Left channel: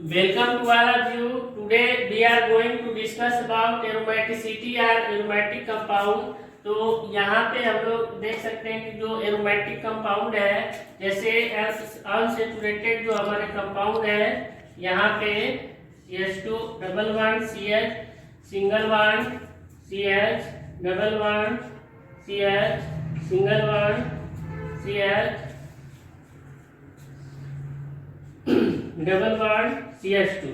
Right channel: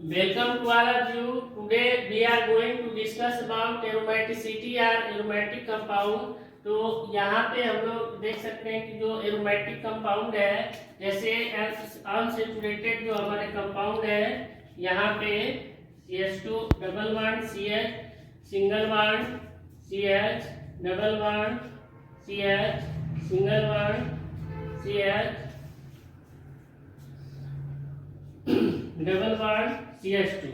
Welcome to all of you. Today we are going to discuss about aromaticity or aromatic compound. तो यहाँ पे हम लोग देख सकते हैं कि जो एरोमेटिक कंपाउंड है, जैसे अनसेचुरेटेड जो हमारे कंपाउंड है, यहाँ पे CH2 double bond CH single bond CH double bond CH single bond CH double bond CH2।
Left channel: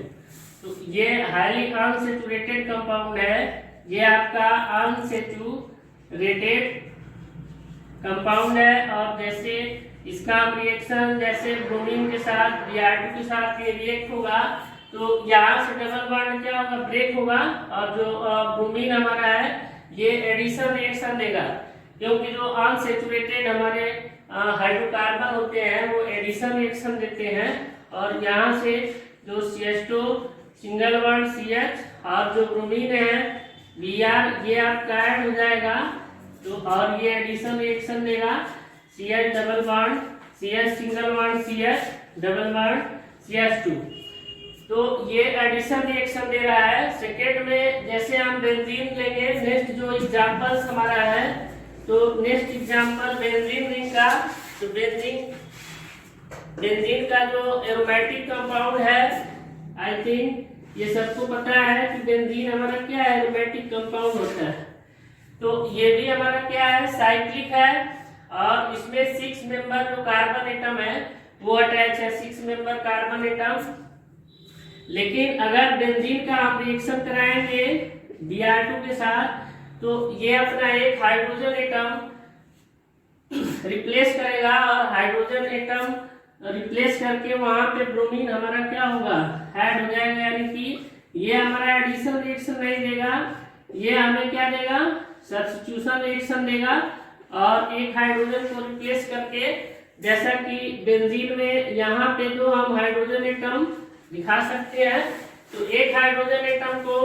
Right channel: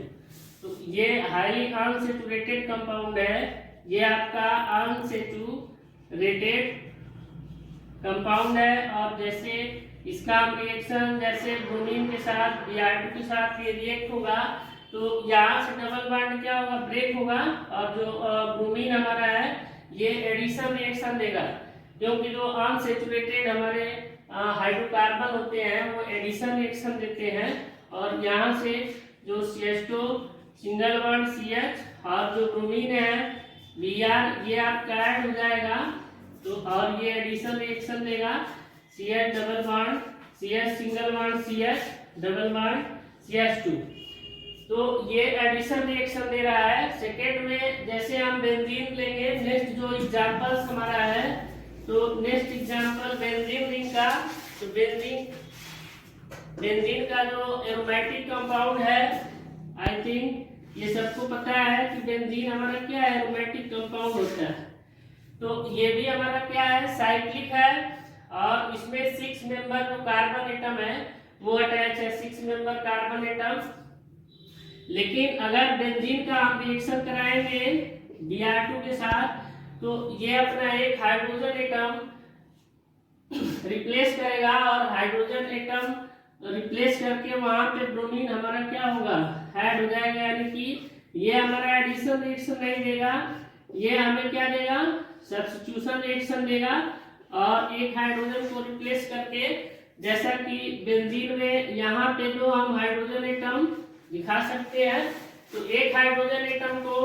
तो ये हाईली अनसेचुरेटेड कंपाउंड है। ये आपका अनसेचुरेटेड कंपाउंड है। और जैसे इसका रिएक्शन जैसे ब्रोमीन के साथ Br2 के साथ ये रिएक्ट होगा तो यहाँ से डबल बॉन्ड क्या होगा, ब्रेक होगा, और जो ब्रोमीन हमारा है ये एडिशन रिएक्शन देगा, क्योंकि जो अनसेचुरेटेड हमारे हाइड्रोकार्बन होते हैं वो एडिशन रिएक्शन देते हैं। और यहाँ से जो CH2 सिंगल बॉन्ड CH और जो ब्रोमीन है Br ये आपका ऐड हो जाएगा, तो और ये एडिशन रिएक्शन देगा CH double bond CH single bond CH double bond CH2। तो ये एडिशन रिएक्शन दे रहा है। सेकेंड में जैसे हम बेंजीन लेंगे, नेक्स्ट जो एग्जांपल्स हमारा है, तो नेक्स्ट एग्जांपल बेंजीन रिंग का। तो बेंजीन का जो एरोमेटिक कंपाउंड है, आई थिंक ये सबको पता है कि बेंजीन हमारा क्या है, एरोमेटिक कंपाउंड होता है। तो ये भी हमारा क्या है, साइक्लिक है, और इसमें 6 मेंबर जो कार्बन एटम है वो अटैच है, 6 मेंबर कार्बन एटम। लेकिन अगर बेंजीन का हम रिएक्शन कराएंगे Br2 के साथ, तो ये अपना एक हाइड्रोजन एटम रिप्लेस करेगा, और हाइड्रोजन एटम रिप्लेस करके वहां पे ब्रोमीन हमारा क्या होगा, ऐड हो जाएगा। यानी कि ये हमारा एडिशन रिएक्शन नहीं देगा, ये हमें क्या देगा, सब्स्टिट्यूशन रिएक्शन देगा। और एक हाइड्रोजन को रिप्लेस करके, जैसा कि बेंजीन में यहाँ पे जो हम हाइड्रोजन एटम दिखा सकते हैं, तो एक हाइड्रोजन एटम को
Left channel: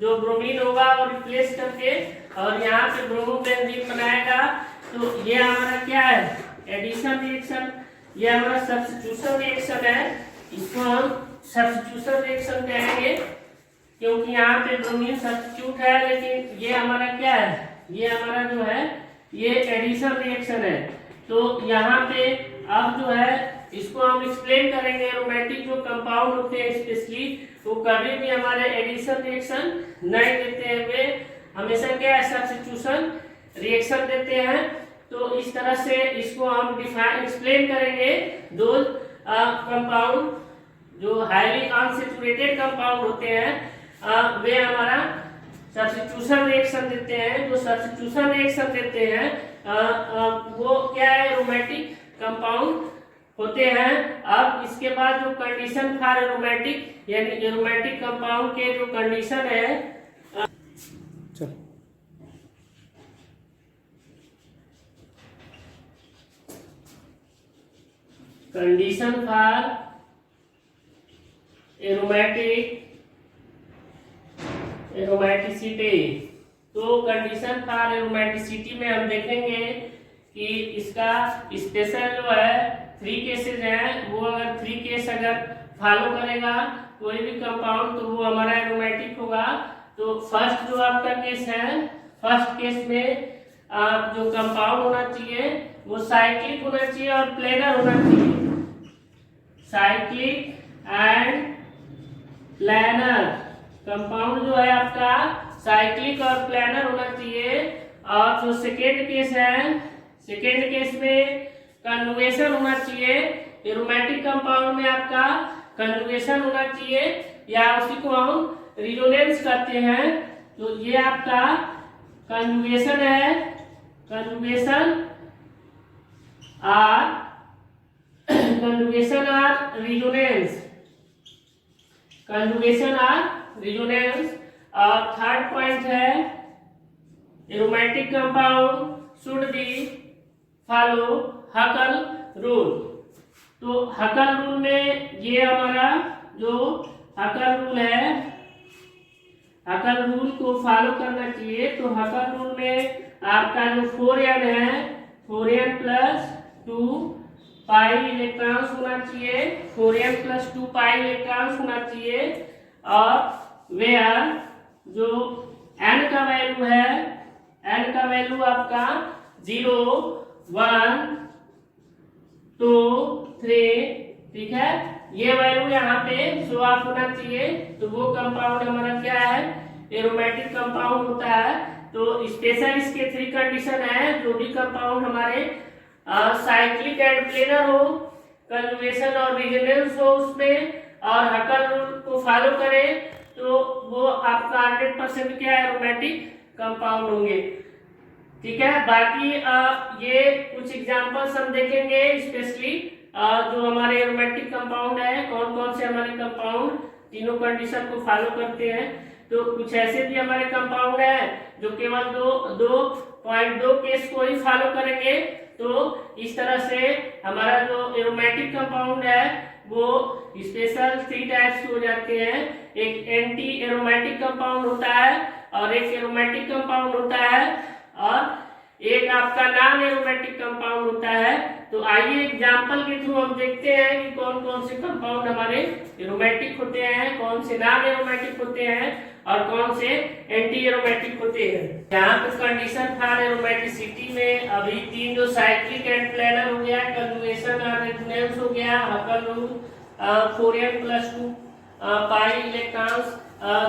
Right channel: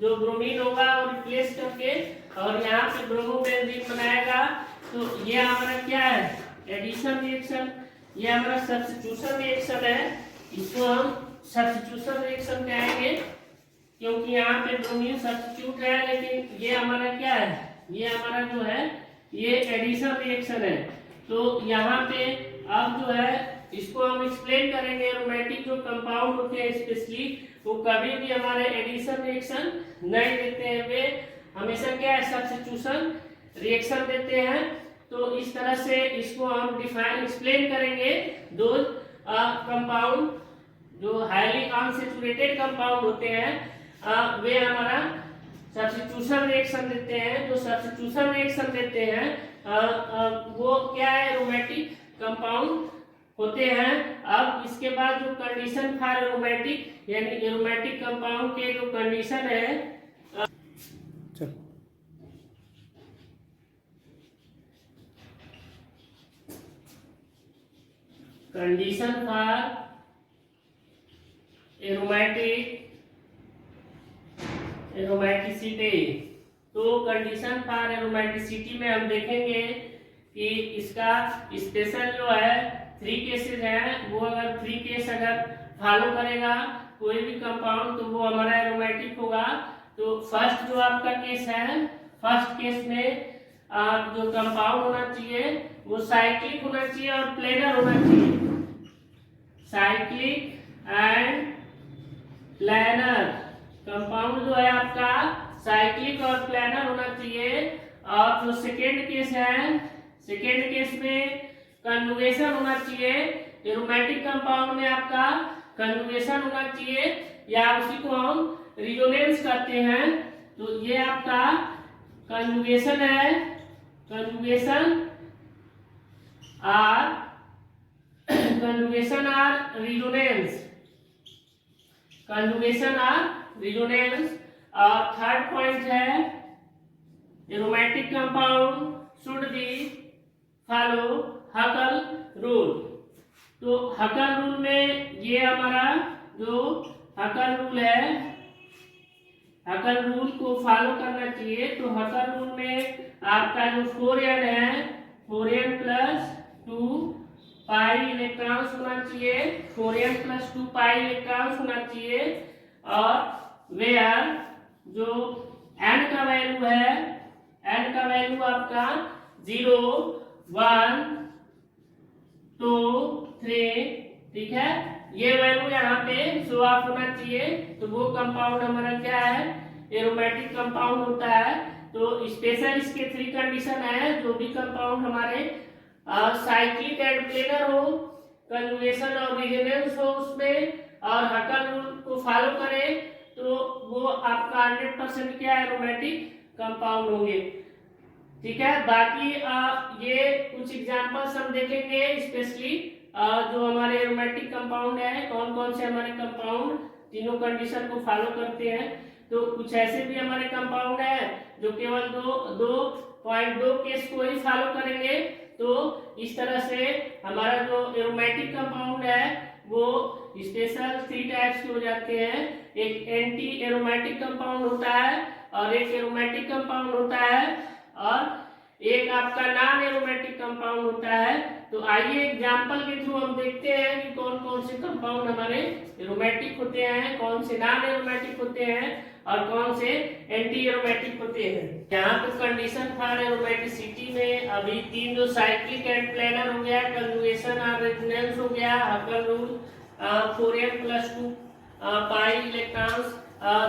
जो ब्रोमीन होगा वो रिप्लेस करके और यहाँ पे ब्रोमो बेंजीन बनाएगा। तो ये हमारा क्या है, एडिशन रिएक्शन, ये हमारा सब्स्टिट्यूशन रिएक्शन है। इसको हम सब्स्टिट्यूशन रिएक्शन कहेंगे, क्योंकि यहाँ पे ब्रोमीन सब्स्टिट्यूट है, लेकिन ये हमारा क्या है, ये हमारा जो है ये एडिशन रिएक्शन है। तो यहाँ पे अब जो है इसको हम एक्सप्लेन करेंगे। एरोमेटिक जो कंपाउंड होते हैं स्पेशली, वो कभी भी हमारे एडिशन रिएक्शन नहीं देते हैं, वे हमेशा क्या है, सब्स्टिट्यूशन रिएक्शन देते हैं। तो इस तरह से इसको हम डिफाइन एक्सप्लेन करेंगे। दो कंपाउंड जो हाईली अनसेचुरेटेड कंपाउंड होते हैं वे हमारा सब्स्टिट्यूशन रिएक्शन देते हैं। जो सब्स्टिट्यूशन रिएक्शन देते हैं वो क्या है, एरोमेटिक कंपाउंड होते हैं। अब इसके बाद जो कंडीशन फॉर एरोमेटिक यानी एरोमेटिक कंपाउंड के जो कंडीशन है, कंडीशन फॉर एरोमेटिसिटी। तो कंडीशन फॉर एरोमेटिसिटी में हम देखेंगे कि इसका स्पेशल जो है 3 केसेस हैं, वो अगर 3 केस अगर फॉलो करेगा कोई भी कंपाउंड, तो वो हमारा एरोमेटिक होगा। तो फर्स्ट जो आपका केस है, फर्स्ट केस में जो कंपाउंड होना चाहिए वो साइक्लिक होना चाहिए और प्लेनर होना चाहिए। साइक्लिक एंड प्लेनर कंपाउंड जो है आपका साइक्लिक और प्लेनर होना चाहिए। और जो सेकेंड केस है, सेकेंड केस में कंजुगेशन होना चाहिए। एरोमेटिक कंपाउंड में आपका कंजुगेशन होना चाहिए, या उसी को हम रिजोनेंस कहते हैं। तो ये आपका कंजुगेशन है, conjugation or conjugation or resonance, conjugation or resonance. और थर्ड पॉइंट है, aromatic compound should be follow Huckel rule. तो हकल रूल में ये हमारा जो हकल रूल है, हकल रूल को फॉलो करना चाहिए। तो हकल रूल में आपका जो 4n है, 4n + 2 पाई इलेक्ट्रॉन्स होना चाहिए, 4n + 2 पाई इलेक्ट्रॉन्स होना चाहिए। और वेयर जो n का वैल्यू है, n का वैल्यू आपका 0 1 2 3, ठीक है, ये वैल्यू यहाँ पे शो ऑफ होना चाहिए। तो वो कंपाउंड हमारा क्या है, एरोमेटिक कंपाउंड होता है। तो स्पेशल इसके 3 कंडीशन है। जो भी कंपाउंड हमारे साइक्लिक एंड प्लेनर हो, कंजुगेशन और रेजोनेंस हो उसमें, और हकल रूल को फॉलो करे, तो वो आपका 100% क्या है, एरोमेटिक कंपाउंड होंगे। ठीक है, बाकी ये कुछ एग्जांपल्स हम देखेंगे, स्पेशली जो हमारे एरोमेटिक कंपाउंड है, कौन कौन से हमारे कंपाउंड तीनों कंडीशन को फॉलो करते हैं। तो कुछ ऐसे भी हमारे कंपाउंड है जो केवल 2.2 केस को ही फॉलो करेंगे। तो इस तरह से हमारा जो एरोमेटिक कंपाउंड है वो स्पेशल 3 टाइप्स हो जाते हैं। एक एंटी एरोमेटिक कंपाउंड होता है, और एक एरोमेटिक कंपाउंड होता है, और एक आपका नॉन एरोमेटिक कंपाउंड होता है। तो आइए एग्जांपल के थ्रू हम देखते हैं कि कौन कौन से कंपाउंड हमारे एरोमेटिक होते हैं, कौन से नॉन एरोमेटिक होते हैं, और कौन से एंटी एरोमेटिक होते हैं। यहाँ पे कंडीशन फॉर एरोमेटिसिटी में अभी 3 जो साइक्लिक एंड प्लेनर हो गया, कंजुगेशन और रेजोनेंस हो गया, हकल रूल, 4n + 2 पाई इलेक्ट्रॉन्स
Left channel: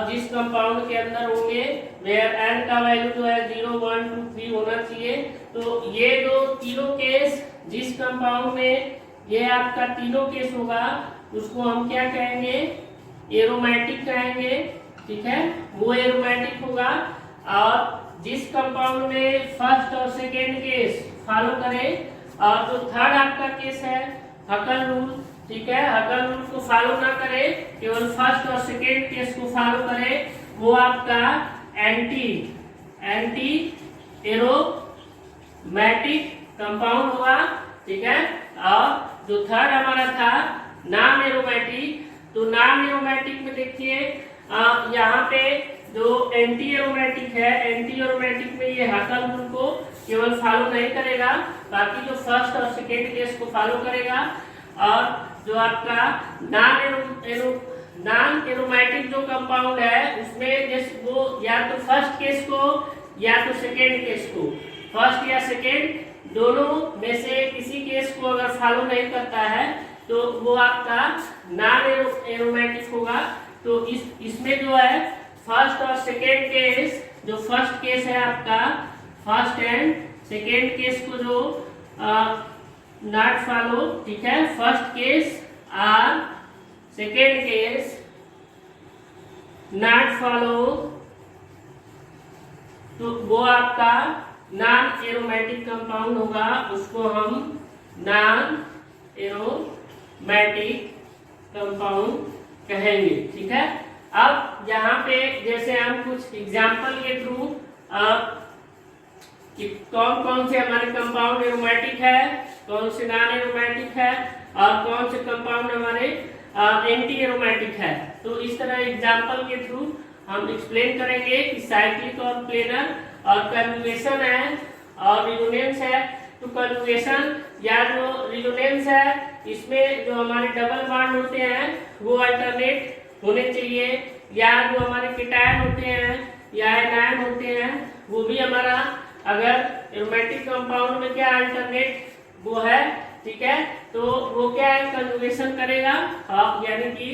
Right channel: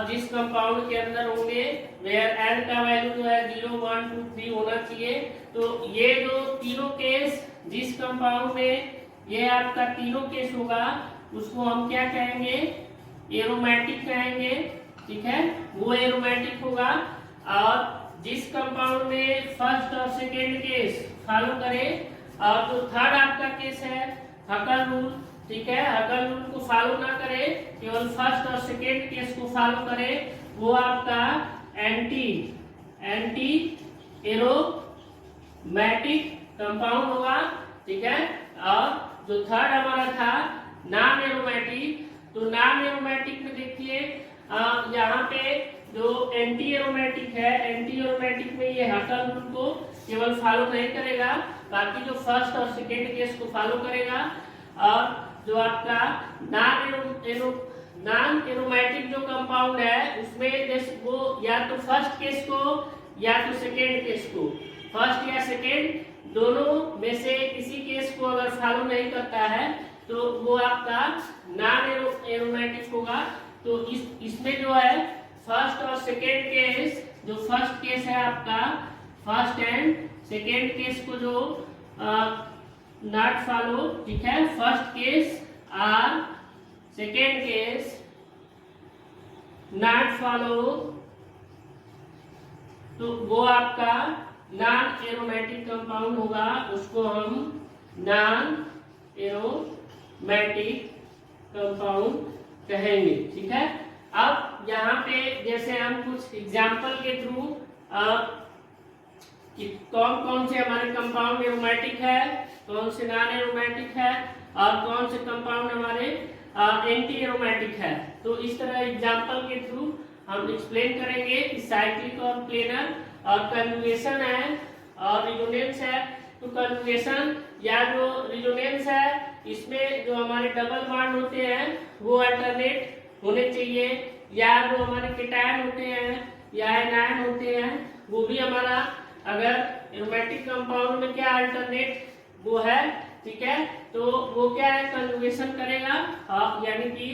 जिस कंपाउंड के अंदर होंगे, वेयर n का वैल्यू जो है 0 1 2 3 होना चाहिए। तो ये जो तीनों केस जिस कंपाउंड में ये आपका तीनों केस होगा, उसको हम क्या कहेंगे, एरोमेटिक कहेंगे। ठीक है, वो एरोमेटिक होगा। और जिस कंपाउंड में फर्स्ट और सेकेंड केस फॉलो करे, और जो थर्ड आपका केस है हकल रूल, ठीक है, हकल रूल को फॉलो ना करे, केवल फर्स्ट और सेकेंड केस को फॉलो करे, वो आपका एंटी एरोमेटिक कंपाउंड होगा। ठीक है, और जो थर्ड हमारा था नॉन एरोमेटिक, तो नॉन एरोमेटिक में देखिए यहाँ पे जो एंटी एरोमेटिक है, एंटी एरोमेटिक में ये हकल रूल को केवल फॉलो नहीं करेगा, बाकी जो फर्स्ट और सेकेंड केस को फॉलो करेगा। और जो आपका नॉन एरोमेटिक जो कंपाउंड है उसमें जैसे वो या तो फर्स्ट केस को या तो सेकेंड केस को, फर्स्ट या सेकेंड दोनों में से किसी केस को अगर फॉलो नहीं करता है तो वो आपका नॉन एरोमेटिक होगा। तो इसमें जो है फर्स्ट और सेकेंड केस, जो फर्स्ट केस है आपका, फर्स्ट एंड सेकेंड केस को जो नॉट फॉलो, ठीक है, फर्स्ट केस और सेकेंड केस नॉट फॉलो, तो वो आपका नॉन एरोमेटिक कंपाउंड होगा, उसको हम नॉन एरोमेटिक कंपाउंड कहेंगे। ठीक है, अब यहाँ पे जैसे हम कुछ एग्जाम्पल के थ्रू कौन कौन से हमारे कंपाउंड एरोमेटिक है, कौन से नॉन एरोमेटिक है, और कौन से कंपाउंड हमारे एंटी एरोमेटिक है, तो इस तरह एग्जाम्पल के थ्रू हम एक्सप्लेन करेंगे कि साइक्लिक और प्लेनर और कंजुगेशन है और रेजोनेंस है। तो कंजुगेशन या जो रेजोनेंस है, इसमें जो हमारे डबल बॉन्ड होते हैं वो अल्टरनेट होने चाहिए, या जो हमारे केटायन होते हैं या एनायन होते हैं वो भी हमारा अगर एरोमेटिक कंपाउंड में क्या अल्टरनेट वो है, ठीक है, तो वो क्या है, कंजुगेशन करेगा। यानी कि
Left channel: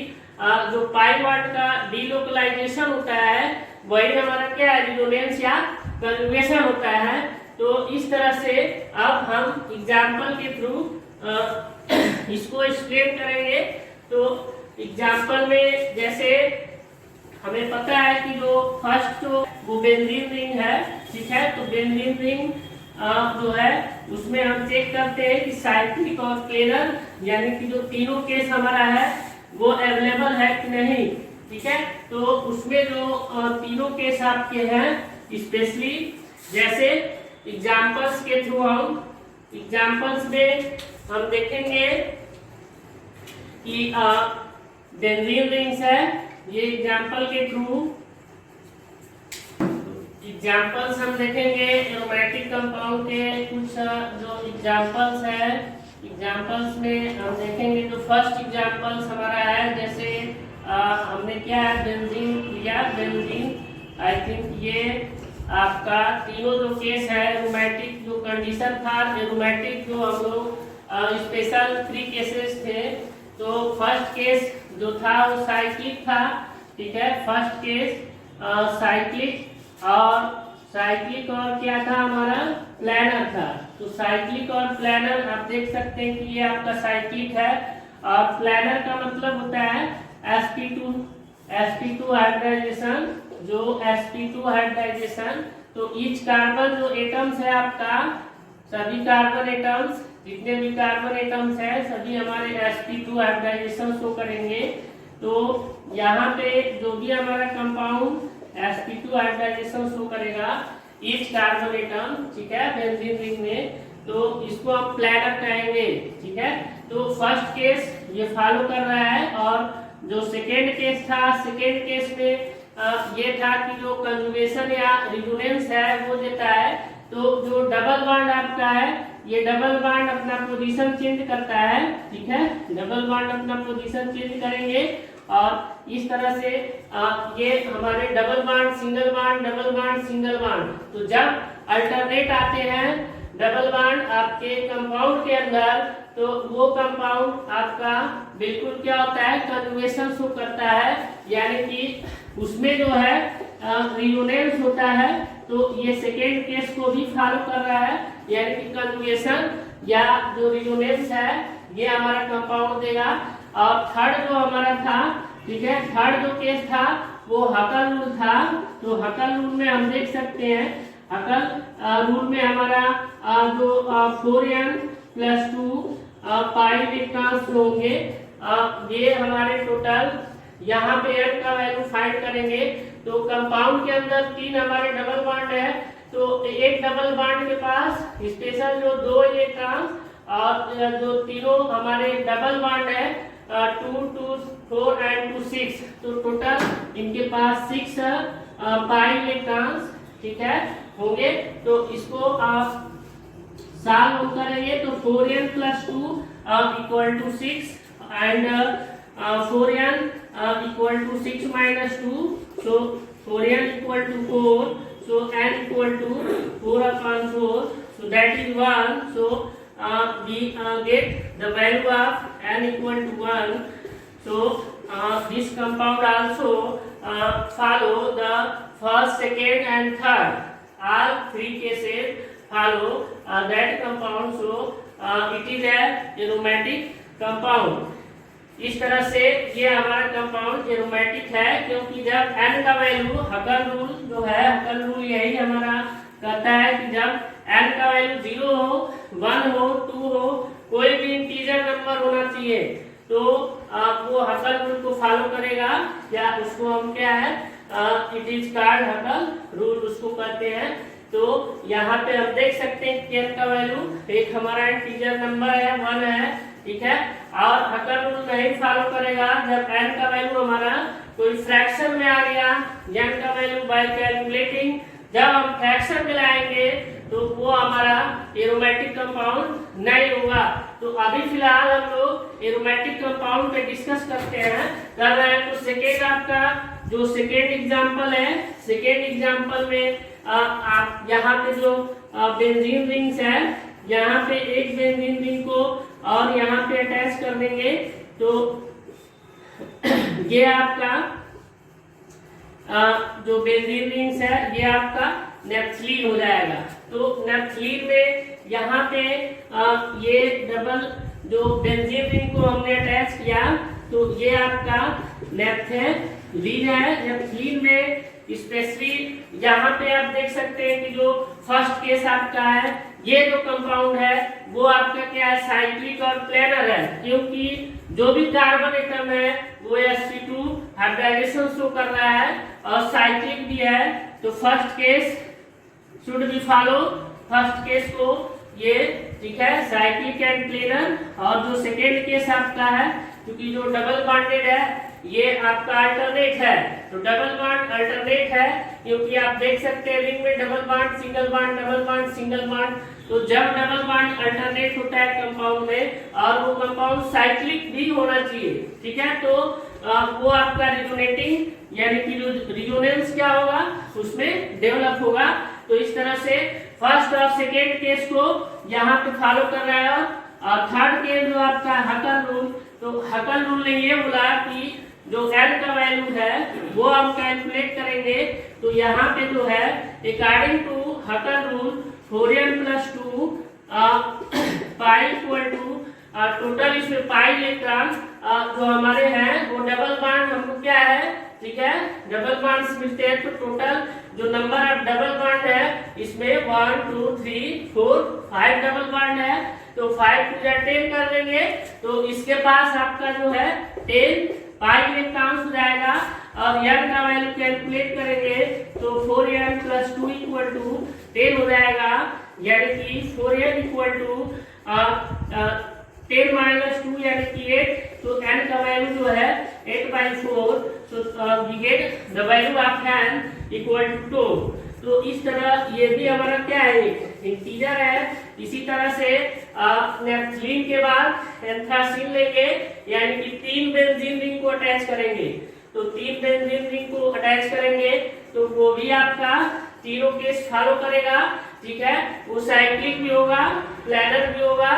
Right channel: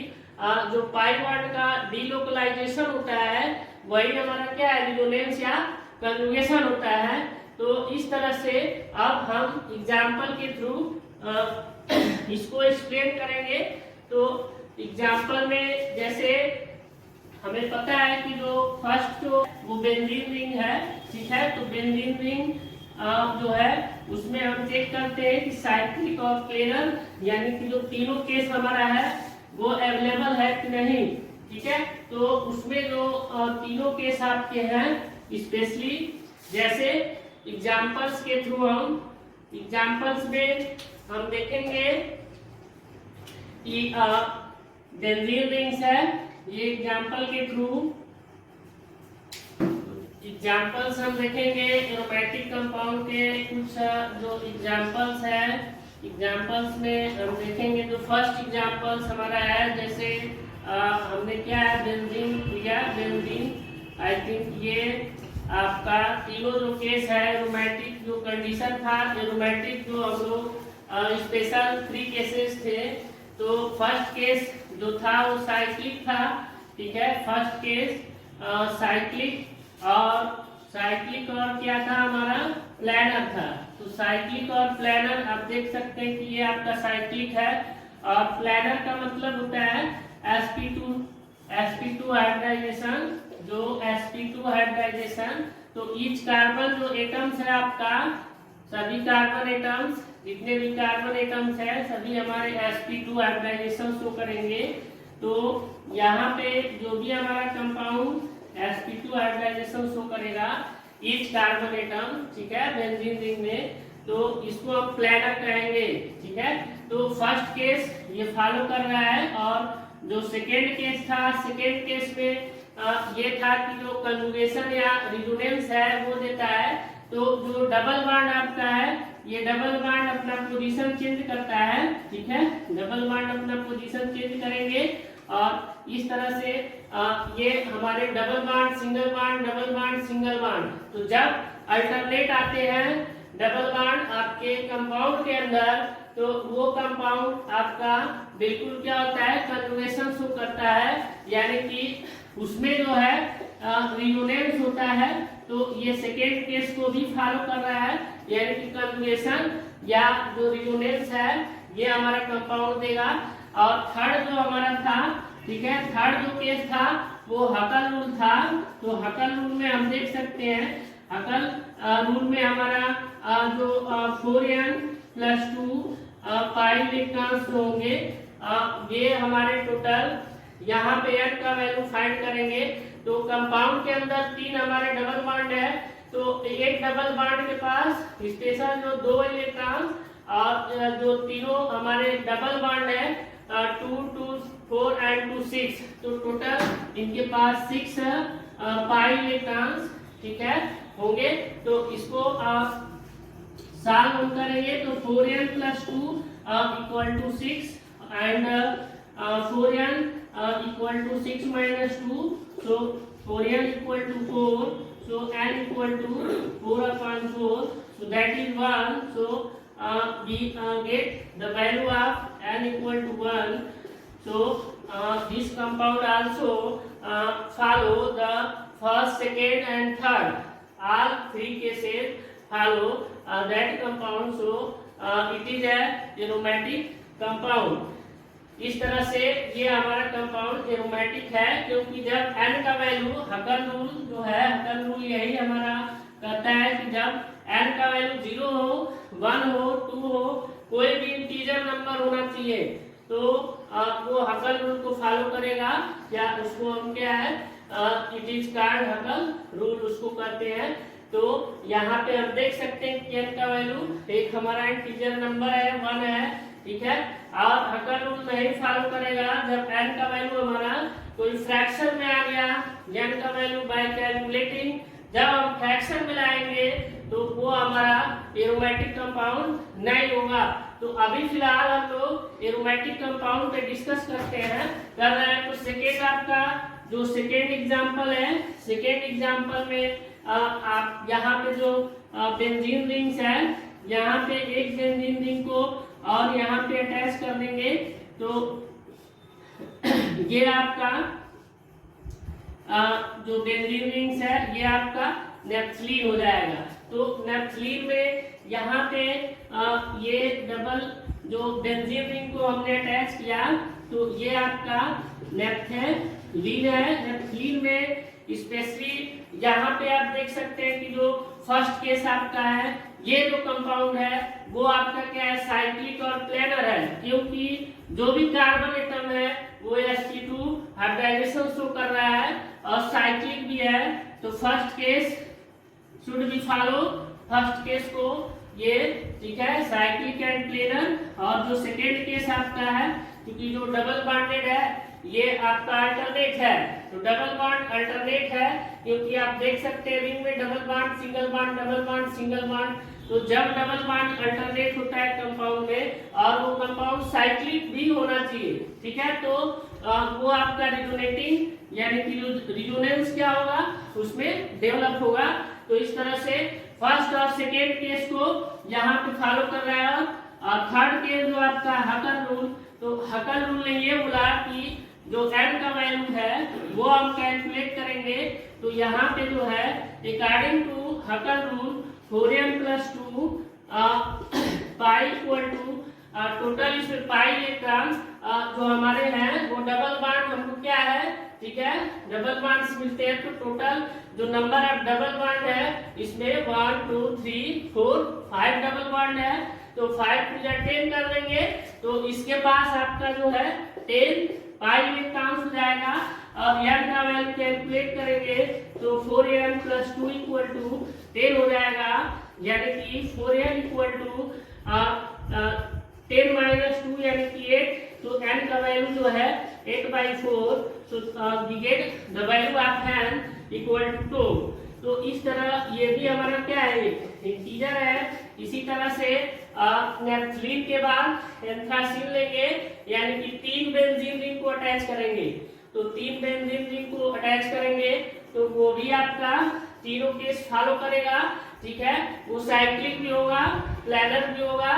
जो पाई बॉन्ड का डीलोकलाइजेशन होता है वही हमारा क्या है, रेजोनेंस या कंजुगेशन होता है। तो इस तरह से अब हम एग्जाम्पल के थ्रू इसको एक्सप्लेन करेंगे। तो एग्जाम्पल में जैसे हमें पता है कि जो फर्स्ट जो वो बेंजीन रिंग है, ठीक है, तो बेंजीन रिंग जो है उसमें हम चेक करते हैं कि साइक्लिक और प्लेनर यानी कि जो तीनों केस हमारा है वो अवेलेबल है कि नहीं। ठीक है, तो उसमें जो तीनों केस आपके हैं, स्पेशली जैसे एग्जाम्पल्स के थ्रू हम एग्जाम्पल्स में हम देखेंगे कि बेंजीन रिंग्स है, ये एग्जाम्पल के थ्रू एग्जाम्पल्स हम देखेंगे एरोमेटिक कंपाउंड के कुछ जो एग्जाम्पल्स हैं एग्जाम्पल्स में हम देखेंगे तो फर्स्ट एग्जाम्पल्स हमारा है, जैसे हमने क्या है बेंजीन लिया, बेंजीन आई थिंक ये आपका तीनों जो केस है एरोमेटिक जो कंडीशन था, एरोमेटिक जो हम लोग स्पेशल 3 केसेस थे। तो फर्स्ट केस जो था वो साइक्लिक था, ठीक है, फर्स्ट केस साइक्लिक और क्या था हमारा प्लानर था। तो साइक्लिक और प्लानर आप देख सकते हैं कि ये आपका साइक्लिक है और प्लानर का मतलब होता है sp2 हाइब्रिडाइजेशन, जो sp2 हाइब्रिडाइजेशन। तो ईच कार्बन जो एटम्स है आपका, सभी कार्बन एटम्स जितने भी कार्बन एटम्स है सभी हमारे sp2 हाइब्रिडाइजेशन शो करेंगे। तो यहाँ पे जो भी हमारा कंपाउंड sp2 हाइब्रिडाइजेशन शो करेगा ईच कार्बन एटम, ठीक है, बेंजीन रिंग में, तो इसको हम प्लानर कहेंगे, ठीक है। तो फर्स्ट केस ये फॉलो कर रहा है और जो सेकेंड केस था, सेकेंड केस में ये था कि जो कंजुगेशन या रिजोनेंस है वो देता है। तो जो डबल बॉन्ड आपका है ये डबल बॉन्ड अपना पोजीशन चेंज करता है, ठीक है, डबल बॉन्ड अपना पोजीशन चेंज करेंगे और इस तरह से ये हमारे double bond single bond double bond single bond. तो जब अल्टरनेट आते हैं डबल बॉन्ड आपके कंपाउंड के अंदर, तो वो कंपाउंड आपका बिल्कुल क्या होता है कंजुगेशन शो करता है, यानी कि उसमें जो है रिजोनेंस होता है। तो ये सेकेंड केस को भी फॉलो कर रहा है, यानी कि कंजुगेशन या जो रिजोनेंस है ये हमारा कंपाउंड देगा। और थर्ड जो हमारा था, ठीक है, थर्ड जो केस था वो हकल रूल था। तो हकल रूल में हम देख सकते हैं, हकल रूल में हमारा जो 4n+2 पाई इलेक्ट्रॉन्स होंगे, ये हमारे टोटल यहाँ पे n का वैल्यू फाइंड करेंगे। तो कंपाउंड के अंदर 3 हमारे डबल बॉन्ड है, तो एक डबल बॉन्ड के पास स्पेशल जो 2 इलेक्ट्रॉन और जो तीनों हमारे डबल बॉन्ड है 2, 2, 4 एंड 2, 6, तो टोटल इनके पास 6 पाई इलेक्ट्रॉन्स, ठीक है, होंगे। तो इसको आप सॉल्व करेंगे तो 4n+2 = 6 and 4n = 6 - 2, so 4n = 4, so n = 4/4, so that is 1, so we get the value of n = 1. So this compound also follow the first, second and third, all 3 cases follow that compound, so it is a aromatic compound. इस तरह से ये हमारा compound aromatic है, क्योंकि जब n का value, हकल rule जो है, हकल रूल यही हमारा कहता है कि जब n का वैल्यू 0 हो, 1 हो, 2 हो, कोई भी इंटीजर नंबर होना चाहिए, तो वो हकल रूल को फॉलो करेगा, या उसको हम क्या है इट इज कॉल्ड हकल रूल उसको कहते हैं। तो यहाँ पे हम देख सकते हैं कि n का वैल्यू एक हमारा इंटीजर नंबर है 1 है, ठीक है, और हकल रूल नहीं फॉलो करेगा जब n का वैल्यू हमारा कोई फ्रैक्शन में आ गया, n का वैल्यू बाय कैलकुलेटिंग जब हम फ्रैक्शन में लाएंगे तो वो हमारा एरोमेटिक कंपाउंड नहीं होगा। तो अभी फिलहाल हम लोग एरोमेटिक कंपाउंड पे डिस्कस कर रहे हैं। तो सेकेंड आपका जो सेकेंड एग्जांपल है, सेकेंड एग्जांपल में आप यहाँ पे जो बेंजीन रिंग्स है, यहाँ पे एक बेंजीन रिंग को और यहाँ पे अटैच कर देंगे, तो ये आपका जो बेंजीन रिंग्स है ये आपका नेप्थलीन हो जाएगा। तो नेप्थलीन में यहाँ पे ये डबल जो बेंजीन रिंग को हमने अटैच किया, तो ये आपका नेप्थलीन है। नेप्थलीन में स्पेशली यहाँ पे आप देख सकते हैं कि जो फर्स्ट केस आपका है, ये जो कंपाउंड है वो आपका क्या है साइक्लिक और प्लेनर है, क्योंकि जो भी कार्बन एटम है वो sp2 हाइब्रिडाइजेशन शो कर रहा है और साइक्लिक भी है। तो first case should be follow, first case को ये, ठीक है, साइक्लिक एंड प्लेनर। और जो सेकेंड केस आपका है, क्योंकि जो डबल बॉन्डेड है ये आपका अल्टरनेट है, तो डबल बॉन्ड अल्टरनेट है, क्योंकि आप देख सकते हैं रिंग में double bond single bond double bond single bond, तो जब डबल बॉन्ड अल्टरनेट होता है कंपाउंड में और वो कंपाउंड साइक्लिक भी होना चाहिए, ठीक है, तो वो आपका रिजोनेटिंग यानी कि जो रिजोनेंस क्या होगा उसमें डेवलप होगा। तो इस तरह से फर्स्ट और सेकेंड केस को यहाँ पे फॉलो कर रहा है। और थर्ड केस जो आपका हकल रूल, तो हकल रूल ने ये बोला कि जो n का वैल्यू है वो हम कैलकुलेट करेंगे। तो यहाँ पे जो है according to Huckel rule 4n + 2 pi equal to total इसमें पाई इलेक्ट्रॉन जो हमारे हैं वो डबल बॉन्ड हमको क्या है, ठीक है, डबल बॉन्ड्स मिलते हैं। तो टोटल जो नंबर ऑफ डबल बॉन्ड है इसमें 1 2 3 4 5 डबल बॉन्ड है। तो 5 × 10 कर लेंगे तो इसके पास आपका जो है 10 पाई इलेक्ट्रॉन हो जाएगा। और n का वैल्यू कैलकुलेट करेंगे तो 4n + 2 = 10 हो जाएगा, यानी कि 4n = 10 - 2 यानी कि 8। तो n का वैल्यू जो है 8/4। तो we get the value of n = 2। तो इस तरह ये भी हमारा क्या है, इंटीजर है। इसी तरह से नेफ्थलीन के बाद एंथ्रासीन लेंगे, यानी कि 3 बेंजीन रिंग को अटैच करेंगे। तो 3 बेंजीन रिंग को अटैच करेंगे तो वो भी आपका तीनों केस फॉलो करेगा, ठीक है, वो साइक्लिक भी होगा, प्लानर भी होगा,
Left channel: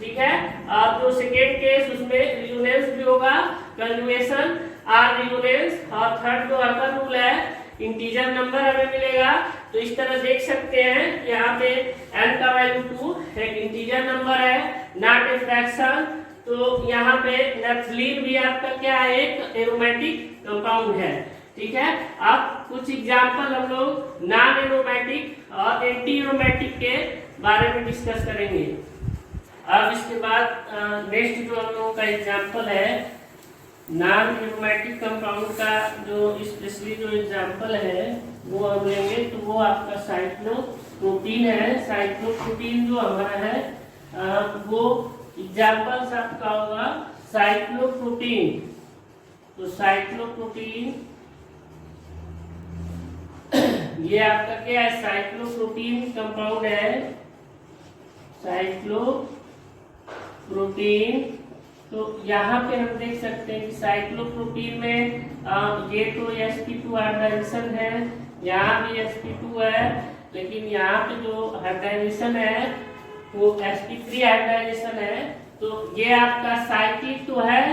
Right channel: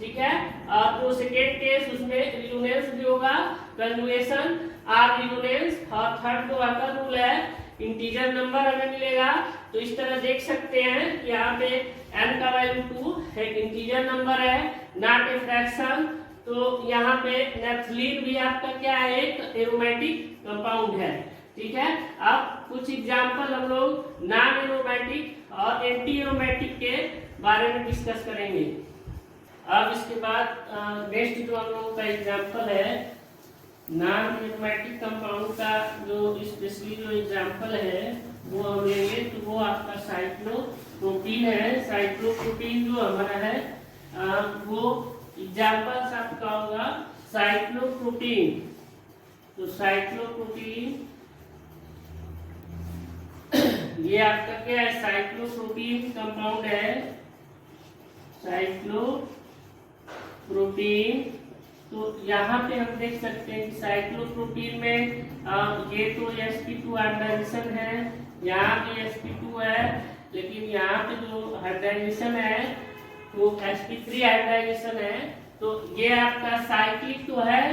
ठीक है। और जो सेकेंड केस उसमें रिजोनेंस भी होगा, कंजुगेशन और रिजोनेंस। और थर्ड जो हकल रूल है इंटीजर नंबर हमें मिलेगा। तो इस तरह देख सकते हैं यहाँ पे n का वैल्यू 2 एक इंटीजर नंबर है, नॉट ए फ्रैक्शन। तो यहाँ पे नेफ्थलीन भी आपका क्या है, एक एरोमेटिक कंपाउंड है, ठीक है। अब कुछ एग्जांपल हम लोग नॉन एरोमेटिक और एंटी एरोमेटिक के बारे में डिस्कस करेंगे। अब इसके बाद नेक्स्ट जो हम लोगों का एग्जांपल है नॉन एरोमेटिक कंपाउंड का, जो स्पेशली जो एग्जांपल है वो हम लेंगे। तो वो आपका साइक्लोप्रोपीन है। साइक्लोप्रोपीन जो हमारा है वो एग्जांपल्स आपका होगा साइक्लोप्रोपीन। तो साइक्लोप्रोपीन ये आपका क्या है, साइक्लोप्रोपीन कंपाउंड है, साइक्लोप्रोपीन। तो यहाँ पे हम देख सकते हैं कि साइक्लोप्रोपीन में ये तो sp2 हाइब्रिडाइजेशन है, यहाँ भी sp2 है, लेकिन यहाँ पे जो हाइब्रिडाइजेशन है वो sp3 हाइब्रिडाइजेशन है। तो ये आपका साइक्लिक तो है,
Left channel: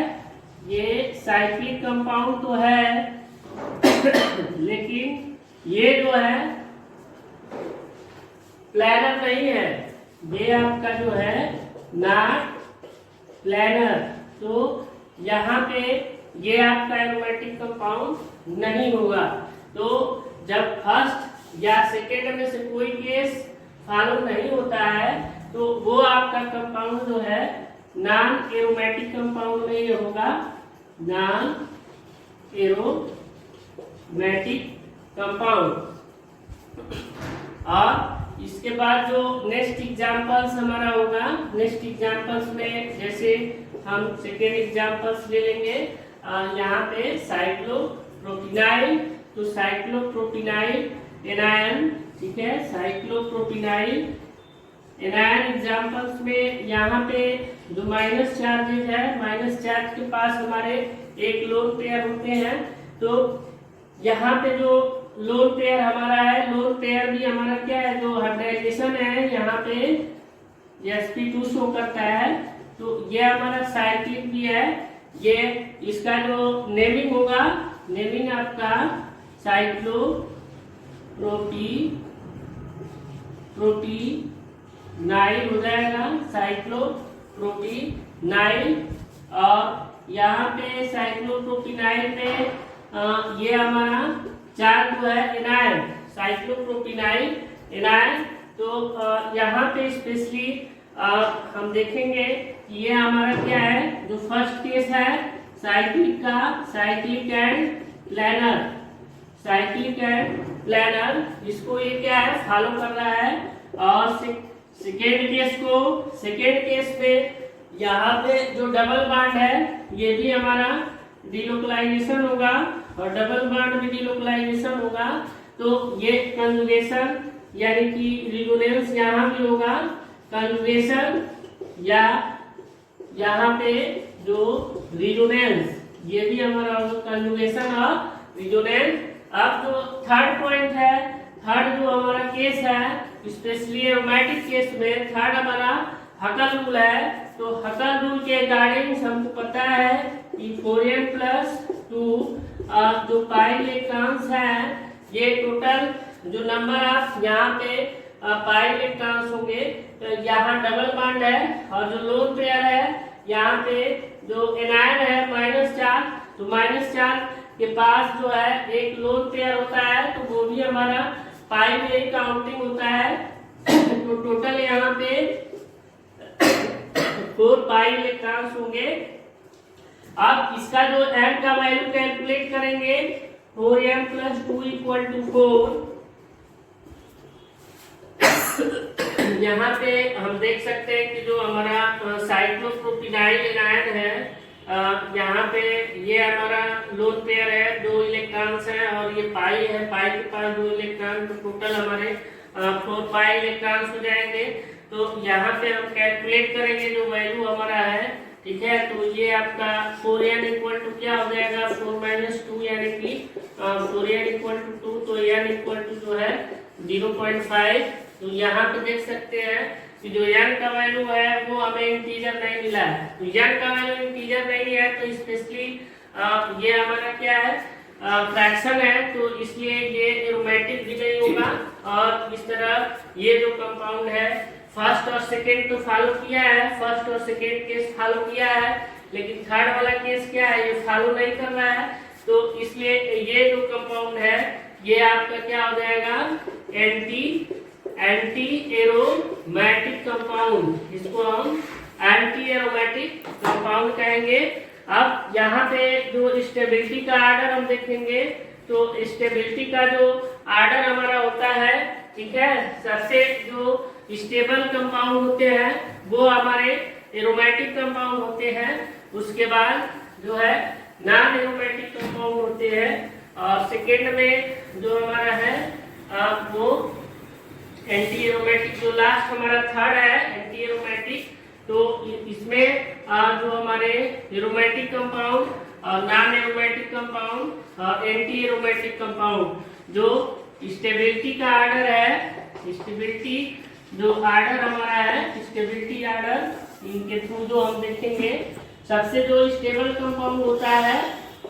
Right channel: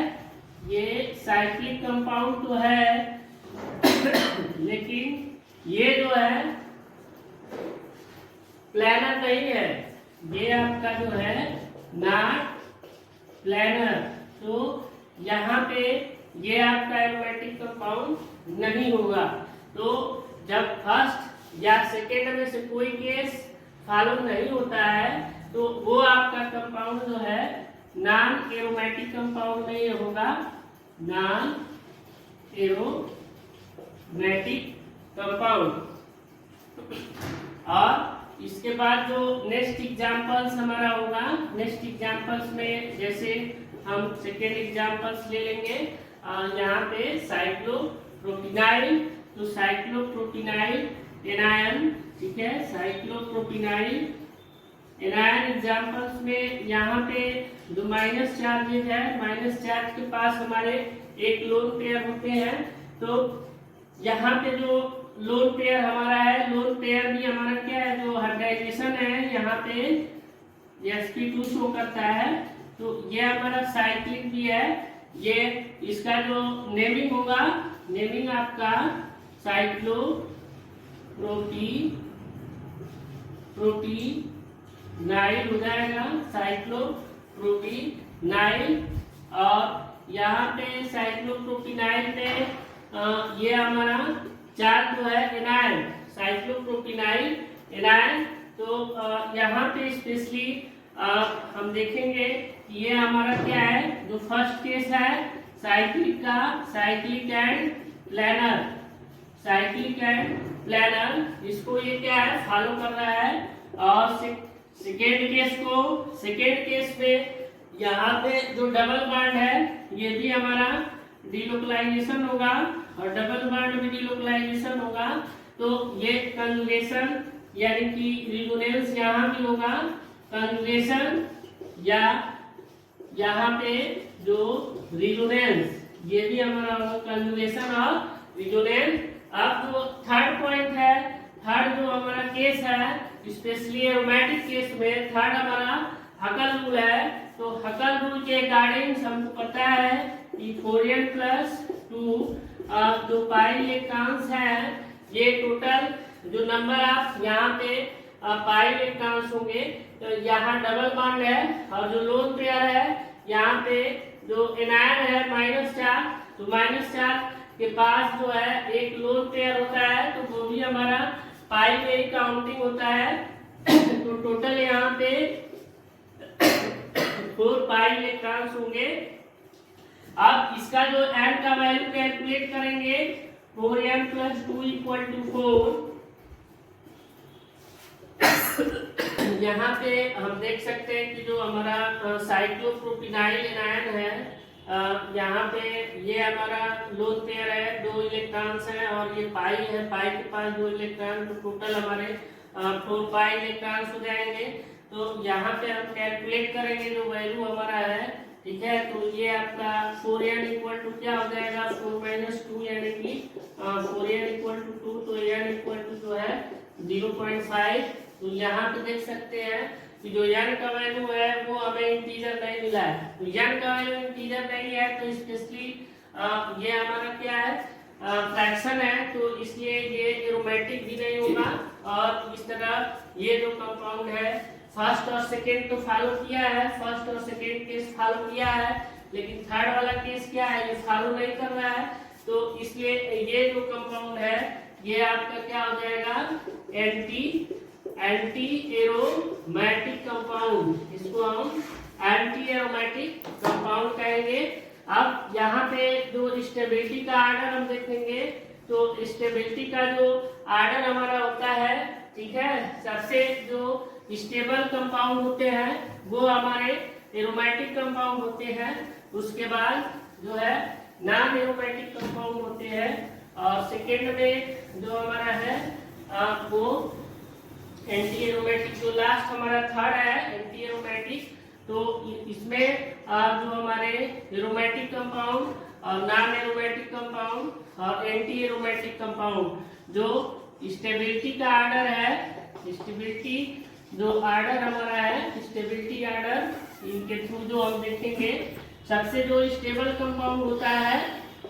ये साइक्लिक कंपाउंड तो है लेकिन ये जो है प्लानर नहीं है, ये आपका जो है नॉट प्लानर। तो यहाँ पे ये आपका एरोमेटिक कंपाउंड नहीं होगा। तो जब फर्स्ट या सेकेंड में से कोई केस फॉलो नहीं होता है तो वो आपका कंपाउंड जो है नॉन एरोमेटिक कंपाउंड नहीं होगा, नॉन एरोमेटिक कंपाउंड। और इसके बाद जो नेक्स्ट एग्जांपल्स हमारा होगा, नेक्स्ट एग्जांपल्स में जैसे हम सेकेंड एग्जांपल्स ले लेंगे यहाँ पे साइक्लोप्रोपिनाइल। तो साइक्लोप्रोपिनाइल एनायन, ठीक है, साइक्लोप्रोपिनाइल एनायन एग्जांपल्स में यहाँ पे जो माइनस चार्जेज है, माइनस चार्ज के पास हमारे एक लोन पेयर होते हैं। तो यहाँ पे जो लोन पेयर हमारा है, लोन पेयर भी हमारा क्या है, जो हाइब्रिडाइजेशन है यहाँ पे sp2 शो करता है। तो ये हमारा साइक्लिक भी है। ये इसका जो नेमिंग होगा, नेमिंग आपका साइक्लोप्रोपिनाइल हो जाएगा, साइक्लोप्रोपिनाइल। और यहाँ पे साइक्लोप्रोपिनाइल में ये हमारा चार्ज जो है एनायन, साइक्लोप्रोपिनाइल एनायन। तो यहाँ पे स्पेशली हम देखेंगे कि ये हमारा क्या है, जो फर्स्ट केस है साइक्लिक का, cyclic and planar, cyclic and planar, इसको ये क्या है फॉलो कर रहा है। और सेकेंड केस को, सेकेंड केस में यहाँ पे जो डबल बॉन्ड है ये भी हमारा डिलोकलाइजेशन होगा और डबल बॉन्ड भी डिलोकलाइजेशन होगा। तो ये कंजुगेशन यानी कि रिजोनेंस यहाँ भी होगा, कंजुगेशन या यहाँ पे जो रिजोनेंस ये भी हमारा होगा कंजुगेशन और रिजोनेंस। अब जो थर्ड पॉइंट है, थर्ड जो हमारा केस है स्पेशली एरोमेटिक केस में, थर्ड हमारा हकल रूल है। तो हकल रूल के अकॉर्डिंग हमको पता है कि 4n+2 जो पाई इलेक्ट्रॉन्स है ये टोटल जो नंबर ऑफ यहाँ पे पाई इलेक्ट्रॉन्स होंगे, तो यहाँ डबल बॉन्ड है और जो लोन पेयर है यहाँ पे जो एनायन है -4, तो -4 के पास जो है एक लोन पेयर होता है, तो वो भी हमारा पाई में ही काउंटिंग होता है। तो टोटल यहाँ पे 4 पाई इलेक्ट्रॉन्स होंगे। अब इसका जो m का वैल्यू कैलकुलेट करेंगे, 4n+2 = 4। यहाँ पे हम देख सकते हैं कि जो हमारा साइक्लोप्रोपिनाइल एनायन है, यहाँ पे ये हमारा लोन पेयर है, 2 इलेक्ट्रॉन्स हैं और ये पाई है, पाई के पास 2 इलेक्ट्रॉन, तो टोटल हमारे 4 पाई इलेक्ट्रॉन्स हो जाएंगे। तो यहाँ पे हम कैलकुलेट करेंगे जो वैल्यू हमारा है, ठीक है। तो ये आपका 4n = क्या हो जाएगा, 4 - 2 यानी कि 4n = 2, तो n जो है 0.5। तो यहाँ पे देख सकते हैं कि जो n का वैल्यू है वो हमें इंटीजर नहीं मिला है। तो n का वैल्यू इंटीजर नहीं है, तो स्पेशली ये हमारा क्या है, फ्रैक्शन है, तो इसलिए ये एरोमेटिक भी नहीं होगा। और इस तरह ये जो कंपाउंड है फर्स्ट और सेकेंड तो फॉलो किया है, फर्स्ट और सेकेंड केस फॉलो किया है, लेकिन थर्ड वाला केस क्या है, ये फॉलो नहीं कर रहा है। तो इसलिए ये जो कंपाउंड है ये आपका क्या हो जाएगा, एंटी एरोमेटिक कंपाउंड, इसको हम एंटी एरोमेटिक कंपाउंड कहेंगे। अब यहाँ पे जो स्टेबिलिटी का आर्डर हम देखेंगे, तो स्टेबिलिटी का जो आर्डर हमारा होता है, ठीक है, सबसे जो स्टेबल कंपाउंड होते हैं वो हमारे एरोमेटिक कंपाउंड होते हैं, उसके बाद जो है नॉन एरोमेटिक कंपाउंड होते हैं, और सेकेंड में जो हमारा है वो एंटी एरोमेटिक, जो लास्ट हमारा थर्ड है एंटी एरोमेटिक। तो इसमें जो हमारे एरोमेटिक कंपाउंड और नॉन एरोमेटिक कंपाउंड और एंटी एरोमेटिक कंपाउंड, जो स्टेबिलिटी का आर्डर है, स्टेबिलिटी जो आर्डर हमारा है, स्टेबिलिटी आर्डर, इनके थ्रू जो हम देखेंगे, सबसे जो स्टेबल कंपाउंड होता है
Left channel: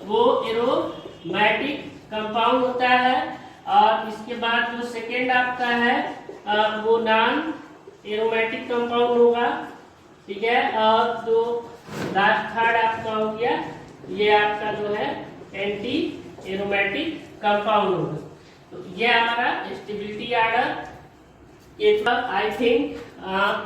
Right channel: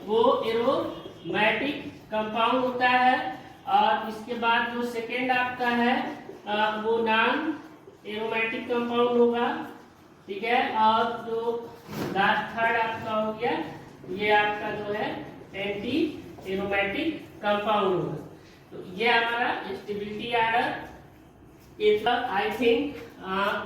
वो एरोमेटिक कंपाउंड होता है, और इसके बाद जो सेकेंड आपका है वो नॉन एरोमेटिक कंपाउंड होगा, ठीक है। और जो लास्ट थर्ड आपका हो गया, ये आपका जो है एंटी एरोमेटिक कंपाउंड होगा। तो ये हमारा स्टेबिलिटी आर्डर। एक बार आई थिंक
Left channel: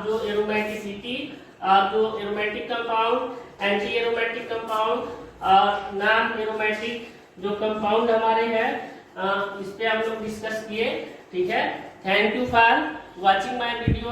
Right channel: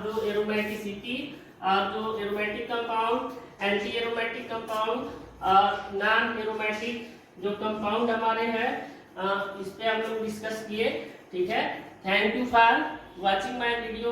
जो एरोमेटिसिटी और जो aromatic compound, anti aromatic compound और नॉन एरोमेटिक जो कंपाउंड हमारे हैं, इस पे हम लोग डिस्कस किए, ठीक है। Thank you for watching my video.